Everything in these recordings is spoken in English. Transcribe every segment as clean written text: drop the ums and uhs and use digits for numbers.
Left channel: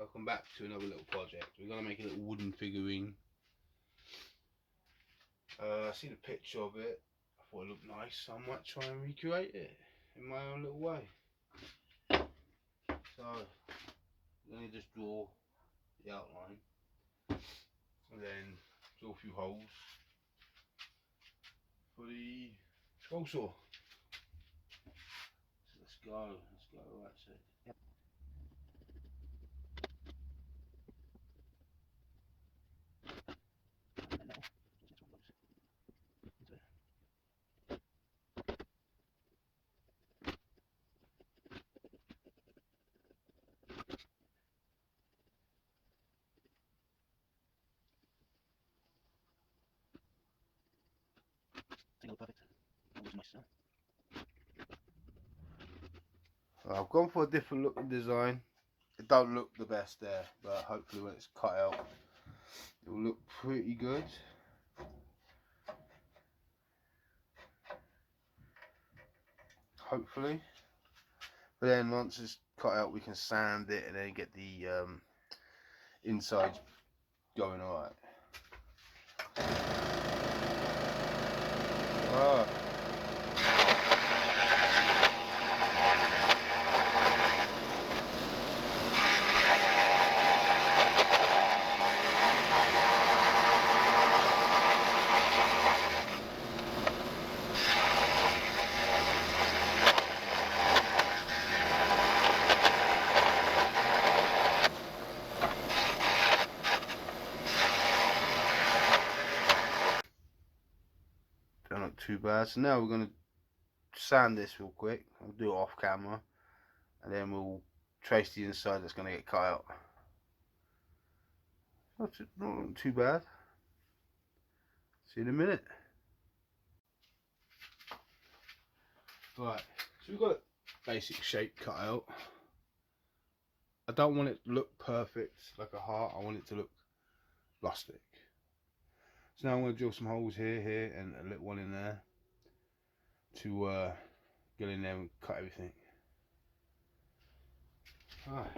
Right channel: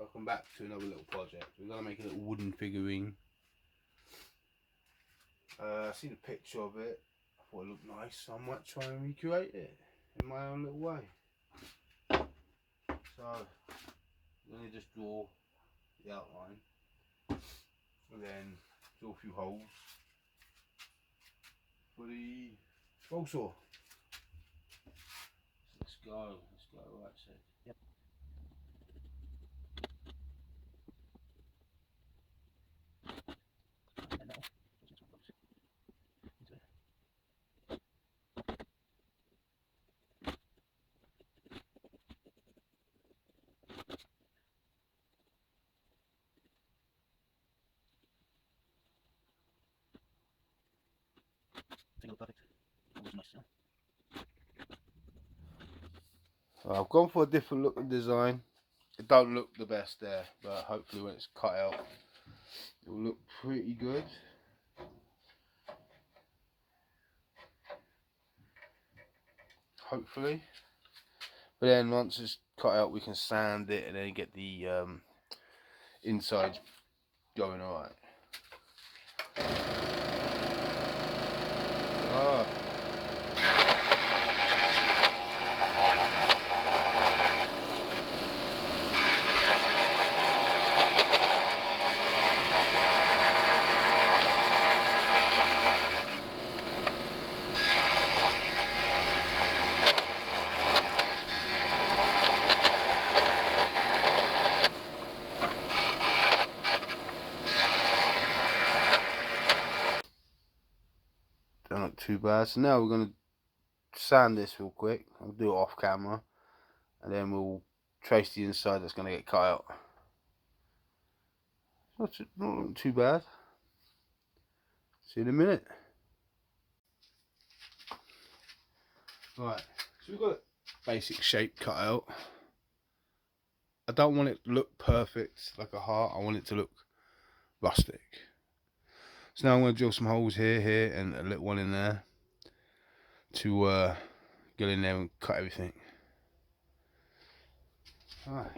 Welcome back to another little project. We're going to make a little wooden figurine. I seen a picture of it. I thought it looked nice, so I might try and recreate it in my own little way. So, I'm going to just draw the outline and then draw a few holes for the scroll saw. So let's go, right, so. Yep. Perfect. Nice, I've gone for a different looking design. It don't look the best there, but hopefully when it's cut out it will look pretty good. Hopefully. But then once it's cut out we can sand it and then get the insides going alright. Don't look too bad. So now we're going to sand this real quick. I'll do it off camera and then we'll trace the inside that's going to get cut out. Not looking too bad. See you in a minute. Right, so we've got a basic shape cut out. I don't want it to look perfect like a heart, I want it to look rustic. So now I'm going to drill some holes here, and a little one in there to get in there and cut everything. Alright.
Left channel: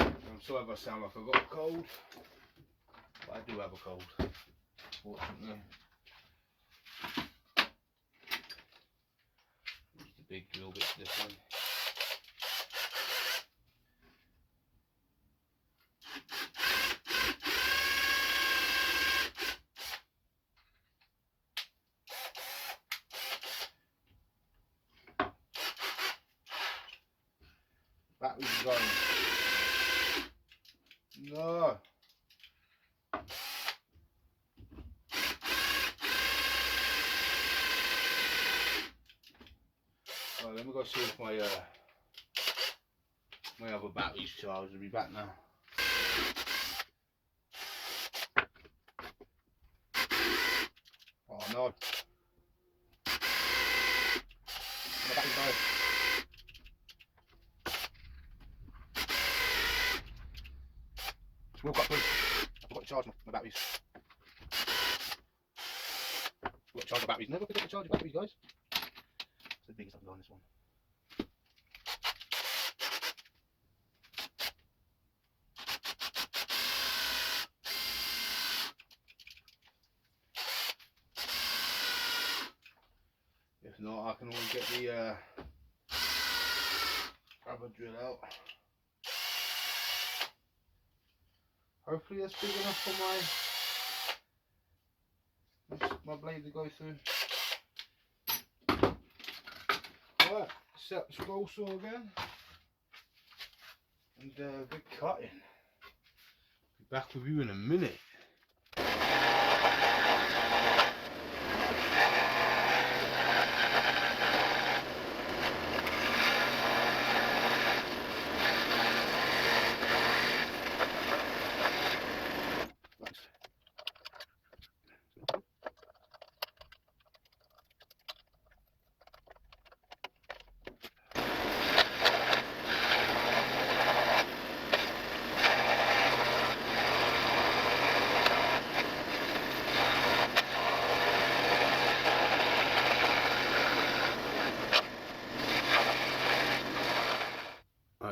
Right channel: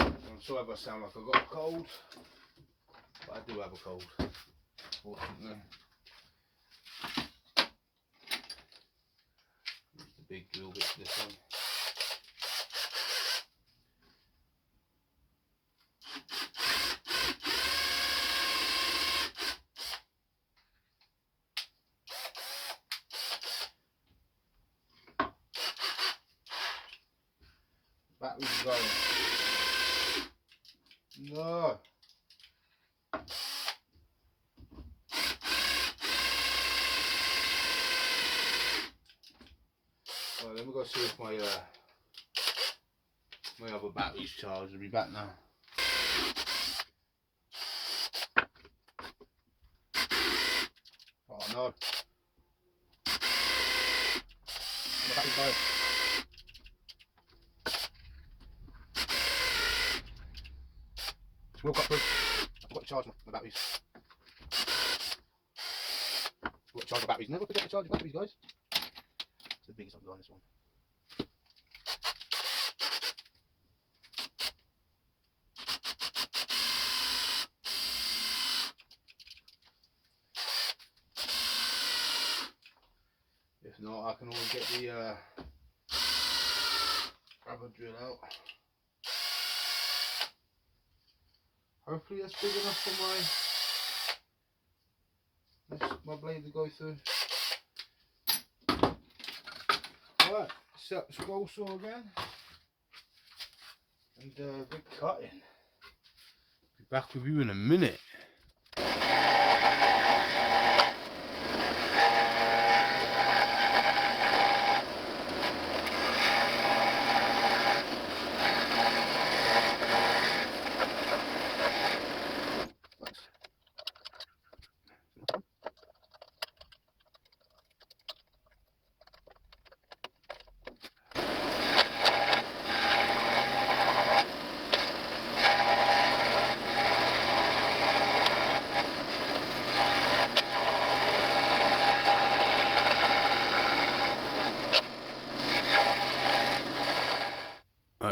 I'm sorry if I sound like I've got a cold, but I do have a cold, fortunately. Just a big drill bit this one. Batteries are going. No. Right, then we've got to see if my other battery's charged. I'll be back now. Oh no. Look up, please. I've got to charge my batteries. I've got to charge the batteries. Never forget to charge the batteries, guys. It's the biggest I'm going this one. If not, I can always get the rubber drill out. Hopefully that's big enough for my blade to go through. Alright, set the scroll saw again and get cutting. Be back with you in a minute.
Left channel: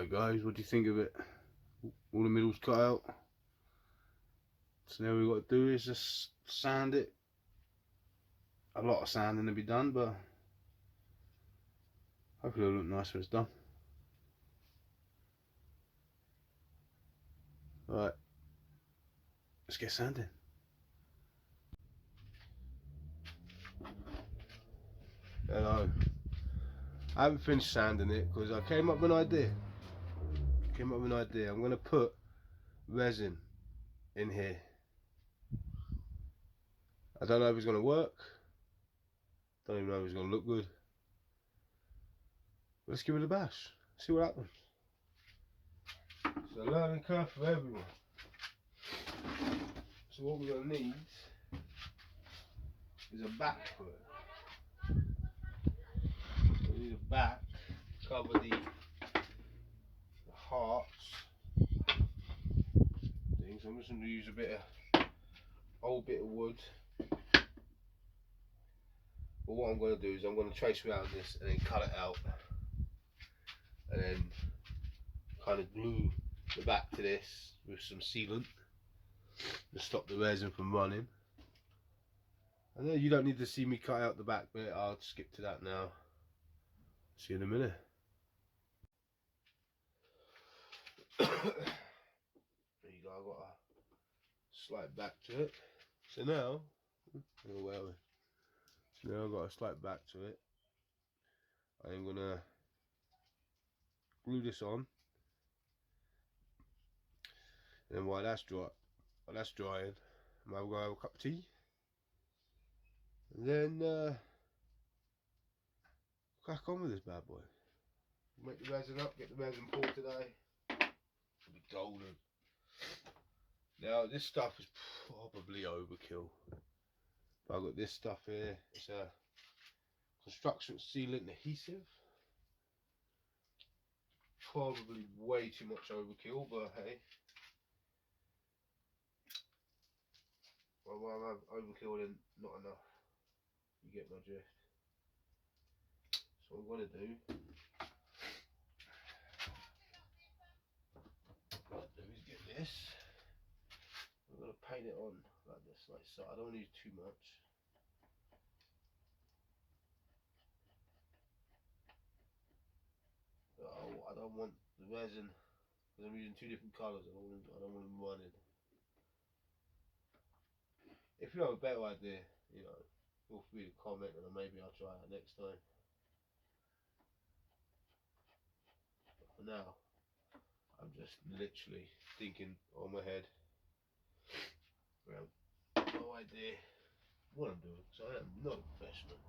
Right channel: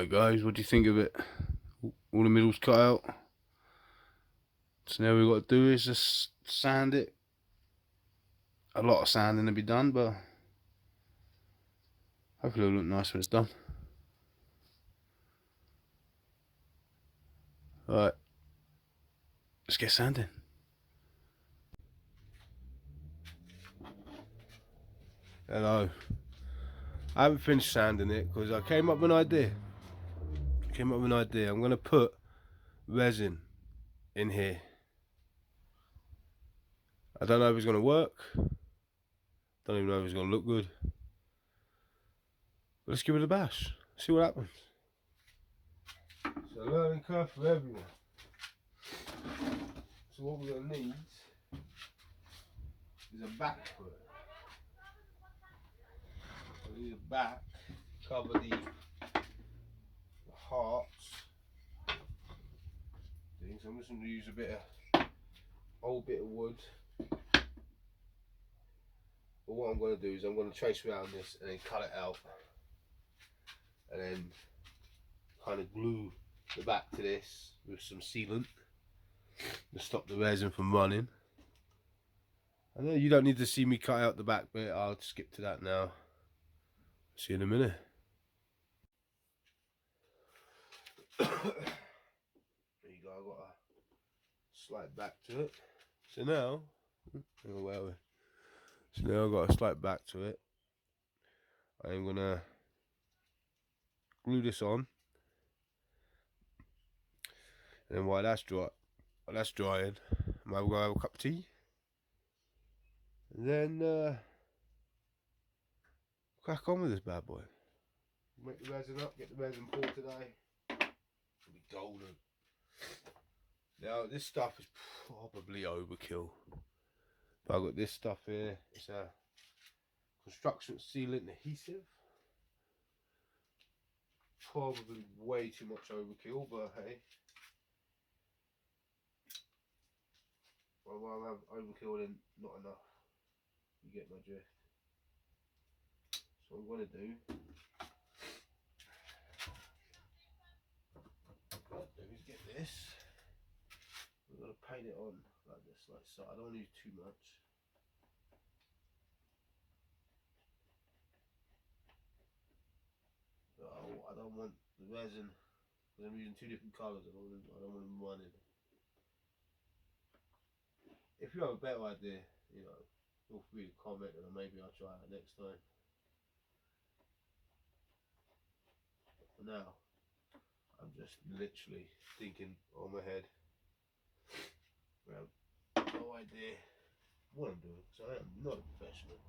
Alright guys, what do you think of it? All the middles cut out. So now we've got to do is just sand it. A lot of sanding to be done, but hopefully it'll look nice when it's done. Alright, let's get sanding. Hello. I haven't finished sanding it because I came up with an idea. I'm going to put resin in here. I don't know if it's going to work. Don't even know if it's going to look good. But let's give it a bash. See what happens. It's a learning curve for everyone. So what we're going to need is a back for it. We need a back to cover the hearts. Things. I'm just going to use a bit of old bit of wood. But what I'm going to do is I'm going to trace around this and then cut it out, and then kind of glue the back to this with some sealant to stop the resin from running. I know you don't need to see me cut out the back bit. I'll skip to that now. See you in a minute. There you go, I've got a slight back to it. So now, I've got a slight back to it. I'm gonna glue this on, and then while that's drying, I'm gonna have a cup of tea, and then crack on with this bad boy. Make the resin up, get the resin poured today. It'll be golden. Now this stuff is probably overkill. But I've got this stuff here. It's a construction sealant adhesive. Probably way too much overkill, but hey. I'd rather have overkill than not enough. You get my drift. So what I'm going to do is get this. I'm going to paint it on like this, like so. I don't need too much. Oh, I don't want the resin, because I'm using two different colours. I don't want them running. If you have a better idea, you know, feel free to comment, and maybe I'll try it next time. But for now, I'm just literally thinking on my head. I have no idea what I'm doing, so I am not a professional.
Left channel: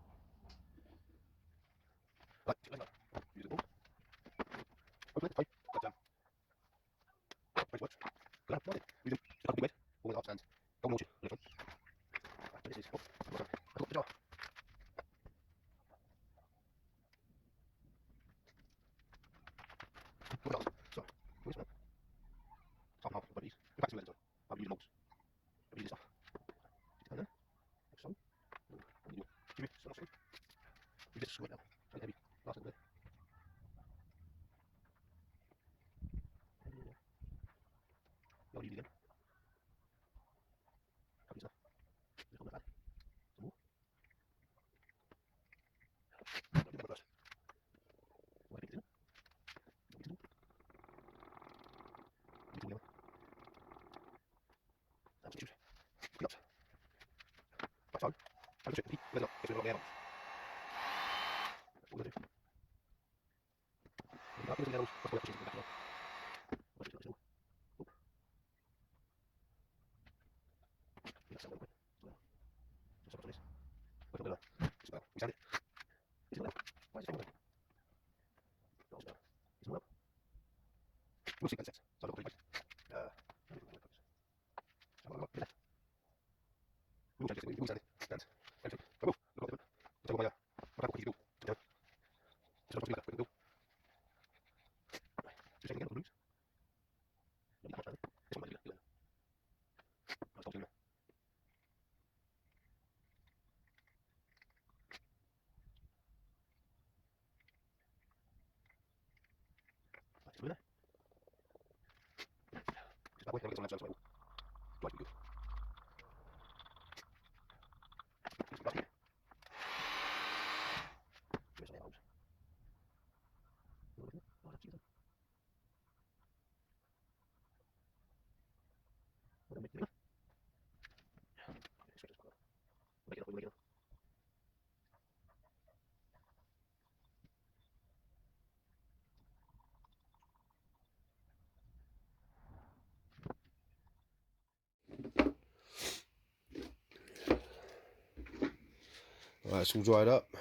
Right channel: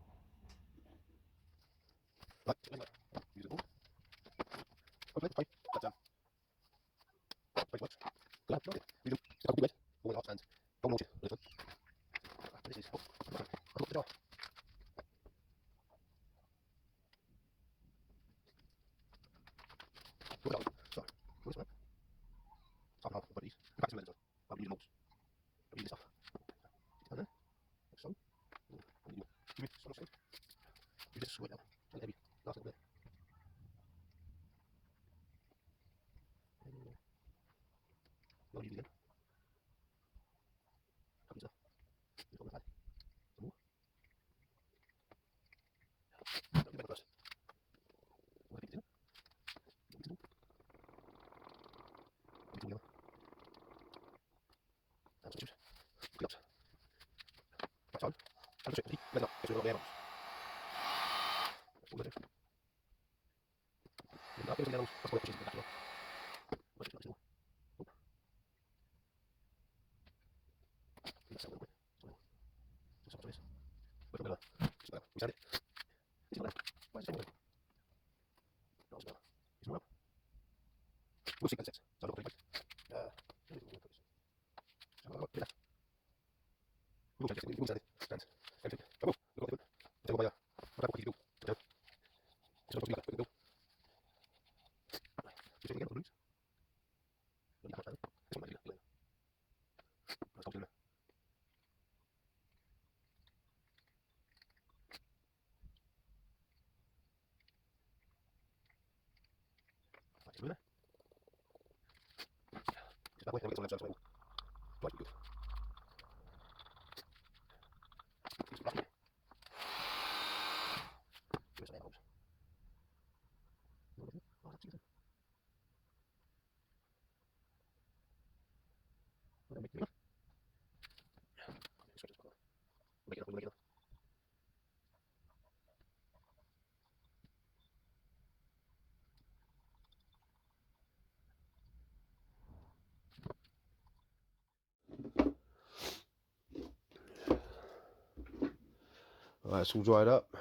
Right, it's all dried up.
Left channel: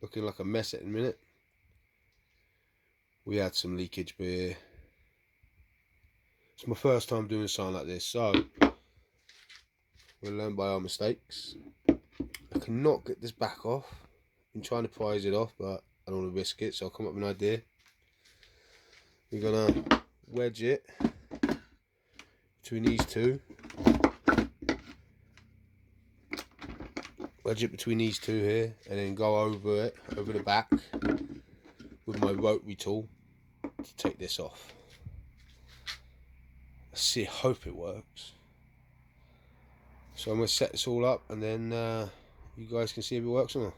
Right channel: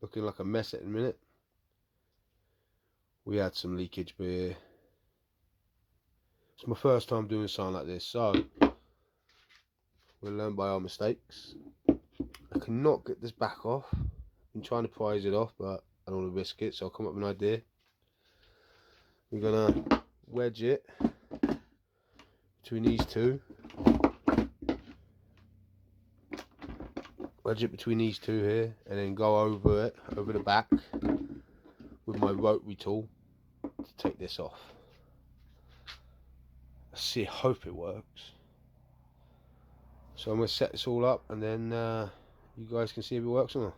Looking like a mess at the minute. We had some leakage, but it's my first time doing something like this, so we'll learn by our mistakes. I cannot get this back off. I've been trying to prise it off, but I don't want to risk it, so I'll come up with an idea. We're gonna wedge it between these two. Wedge it between these two here, and then go over it, over the back, with my rotary tool to take this off. Let's see, hope it works. So I'm going to set this all up, and then you guys can see if it works or not.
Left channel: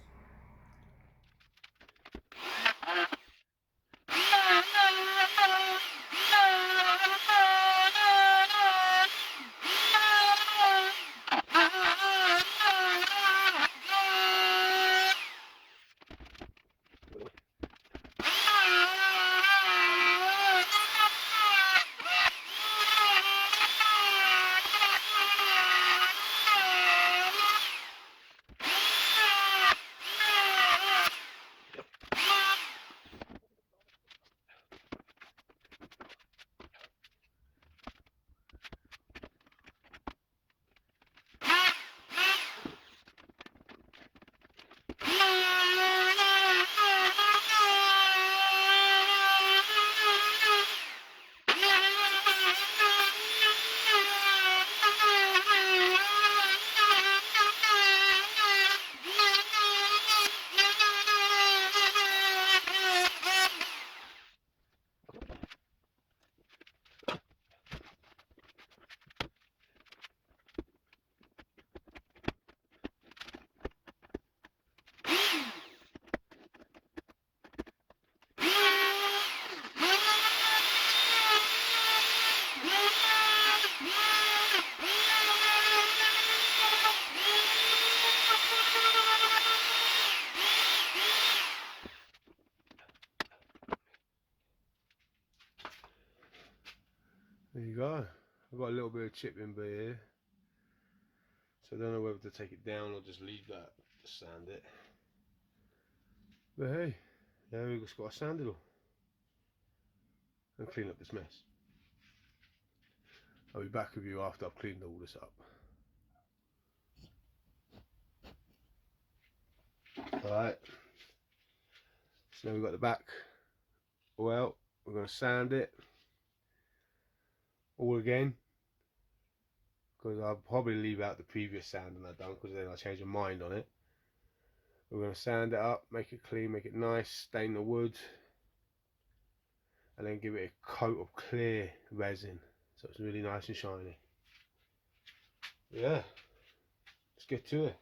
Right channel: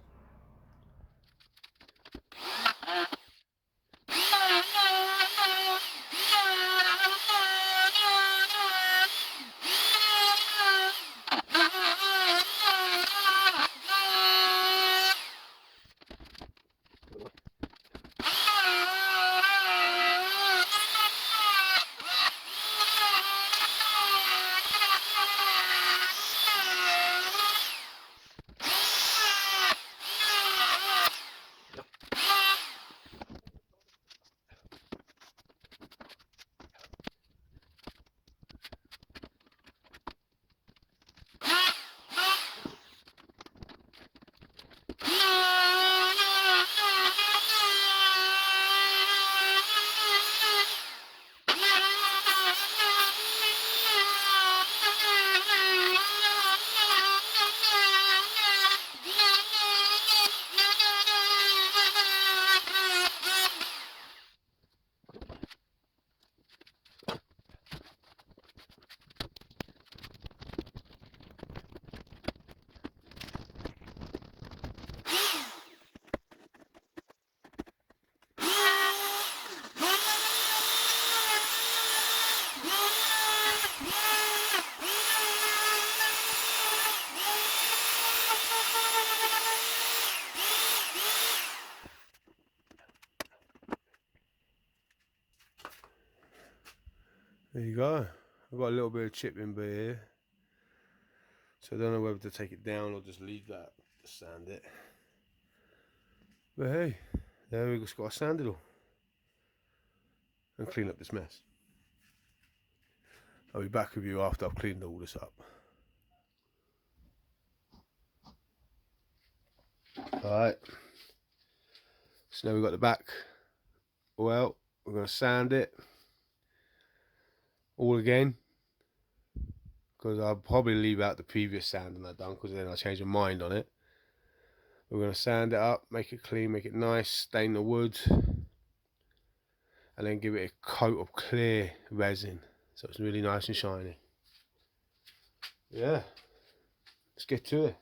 There you go. I've got a little bit of chipping here, so I don't know whether to take it down or just leave that to sand it. But hey, there we've just got to sand it all and clean up this mess. I'll be back with you after I've cleaned all this up. Alright, so now we've got the back. Well, we're going to sand it all again, because I'll probably leave out the previous sanding I've done, because then I'll change my mind on it. We're going to sand it up, make it clean, make it nice, stain the wood, and then give it a coat of clear resin so it's really nice and shiny. Yeah, let's get to it.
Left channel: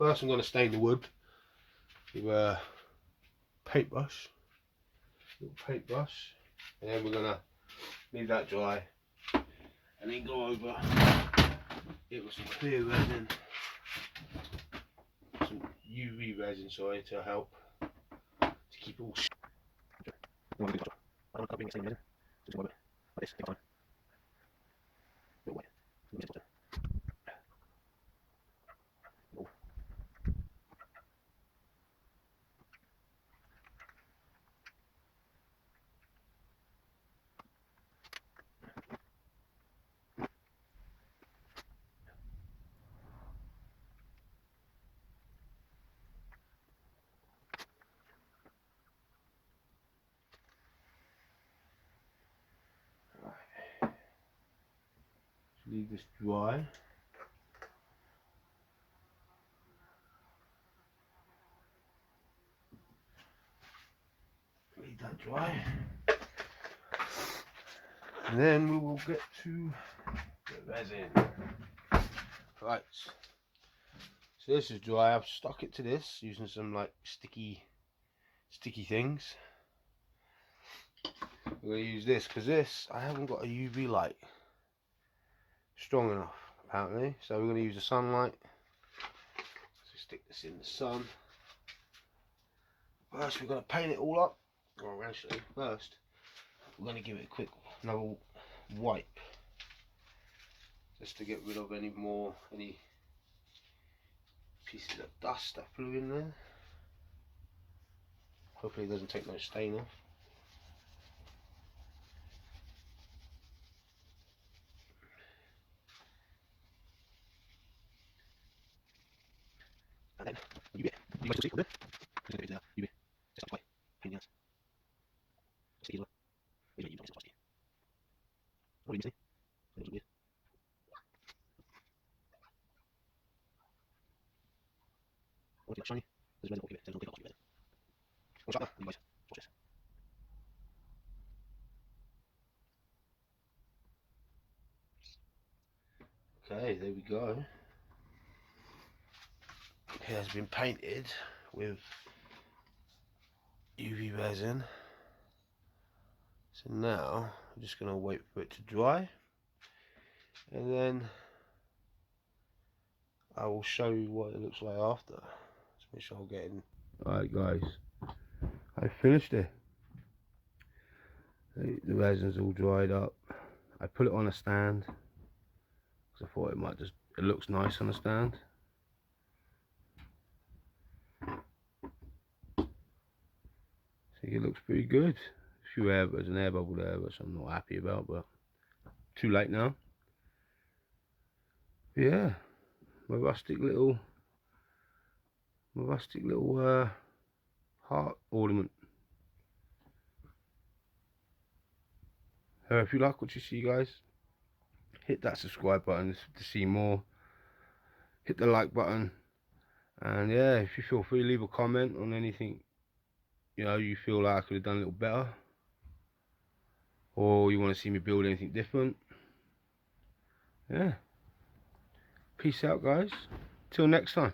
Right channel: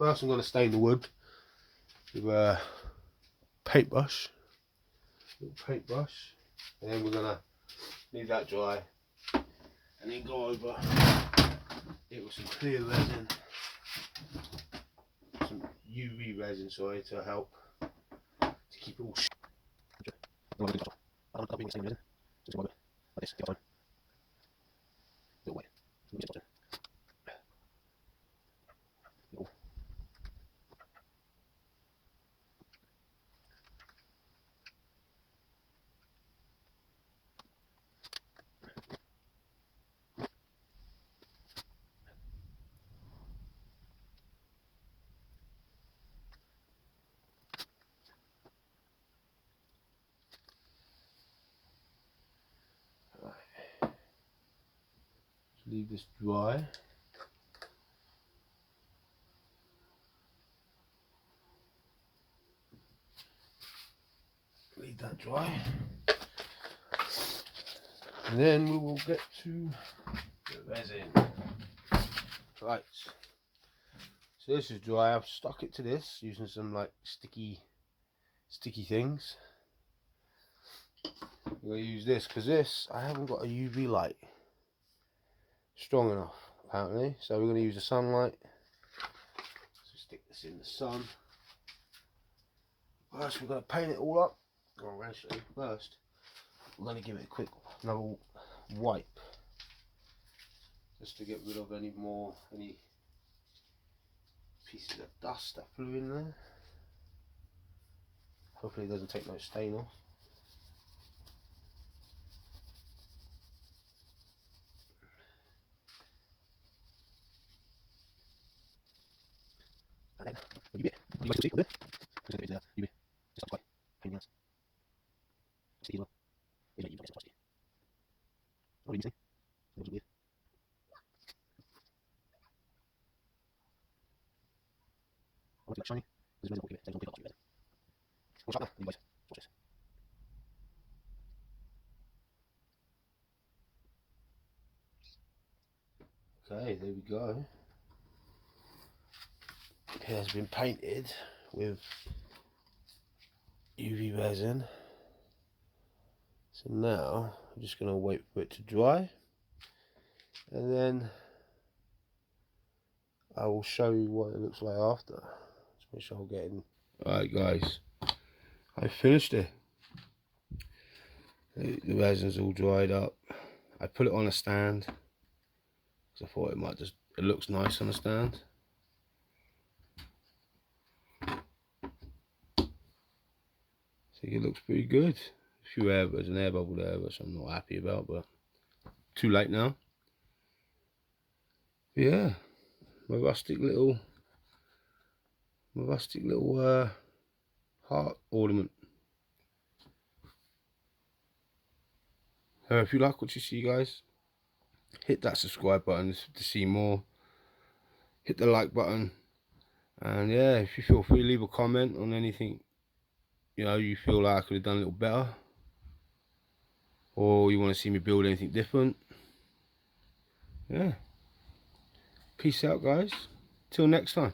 First I'm going to stain the wood with a paintbrush, and then we're going to leave that dry and then go over it with some clear resin, some UV resin, sorry, to help to keep it all. I don't want to be the same resin, just like this, take time. Little way. Leave this dry. Leave that dry. And then we will get to the resin. Right. So this is dry. I've stuck it to this using some like sticky things. We're going to use this because this, I haven't got a UV light strong enough apparently, so we're going to use the sunlight. So stick this in the sun. First we're going to paint it all up, or actually first we're going to give it a quick another wipe just to get rid of any pieces of dust that flew in there. Hopefully it doesn't take no stain off. And then you guys can see there. Just get it there. You just like pain in the ass. Sticky as well. You don't get so sticky. What do you see? It looks weird. I want to get shiny. There's resin. I'll give it. There's no big resin. One shot now. You guys watch this. Okay, there we go. It has been painted with UV resin. So now I'm just going to wait for it to dry, and then I will show you what it looks like after. Let's make sure I'll get in. Alright guys, I finished it. The resin's all dried up. I put it on a stand because I thought it looks nice on a stand. I think it looks pretty good. There's an air bubble there which I'm not happy about, but too late now. Yeah, my rustic little heart ornament. If you like what you see guys, hit that subscribe button to see more. Hit the like button, and yeah, if you feel free, leave a comment on anything you feel like I could have done a little better, or you want to see me build anything different. Yeah, peace out guys, till next time.